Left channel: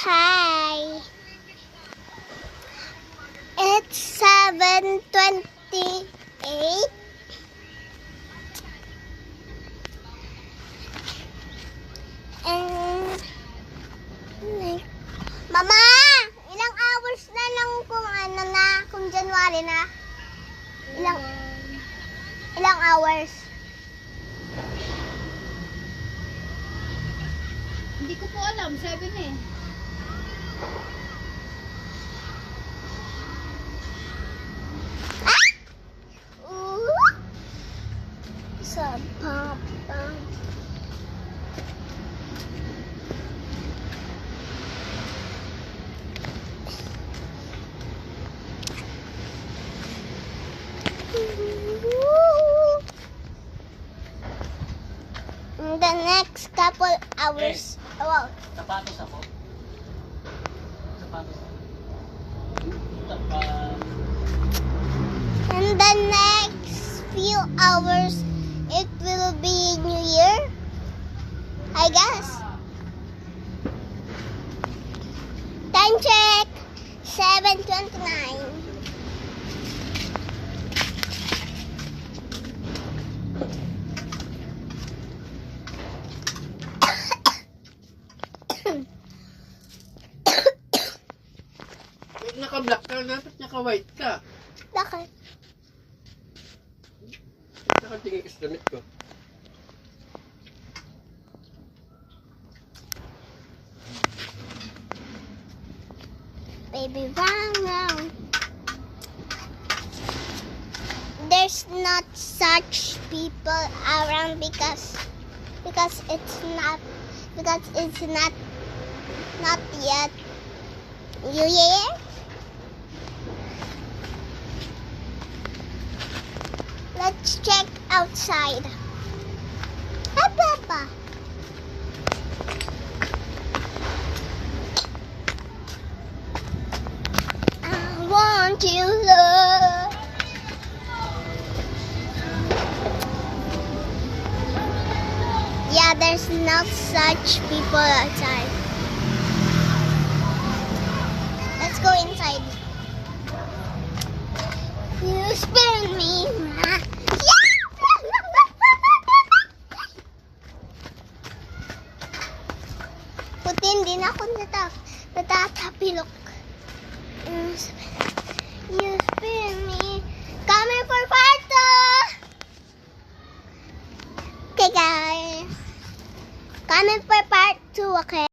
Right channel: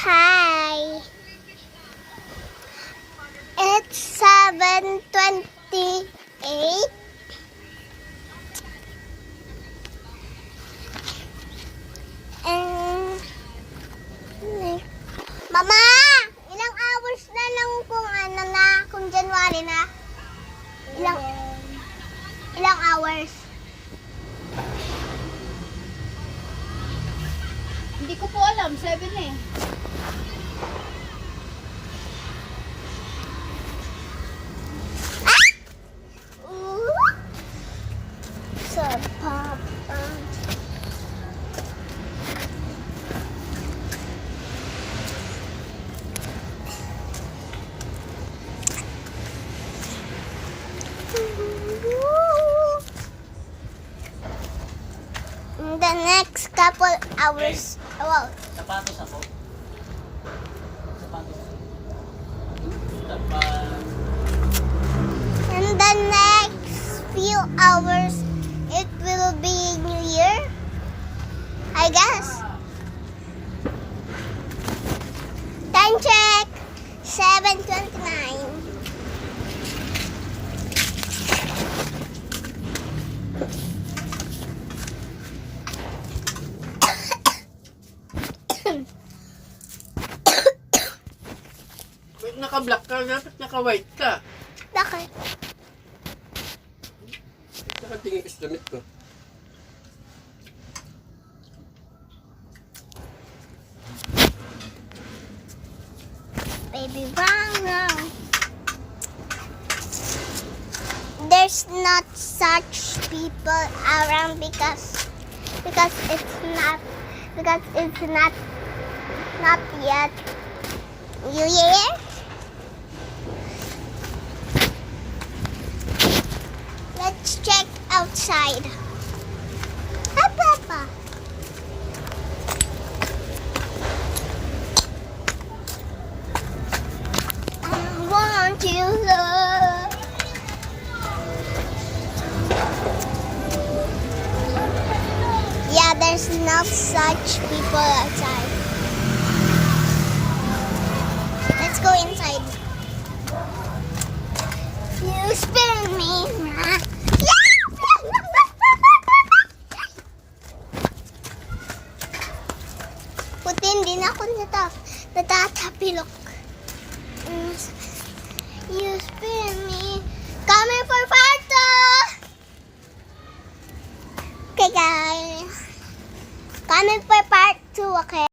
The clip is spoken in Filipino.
Hi. It's 7:28. And Mama, ilang hours na lang kung January na? Ilang hours? Hindi ko po alam, 7 eh. Sa papa. In the next couple hours, well, Sapatos ako. Sapatos ako. Sapatos. in the next few hours, it will be New Year, I guess. Time check, 7:29. Huwag naka-black ka, dapat naka-white ka. Bakit? Nakatingin is damit ko. Baby brown. There's not such people around because it's not yet New Year. Let's check outside. Hi, Papa. I want you, love. Yeah, there's not such people outside. Let's go inside. You spin me, ma. Putin din ako natatapilok. You spin me. Coming for photo. Okay, guys. Coming for part 2, okay?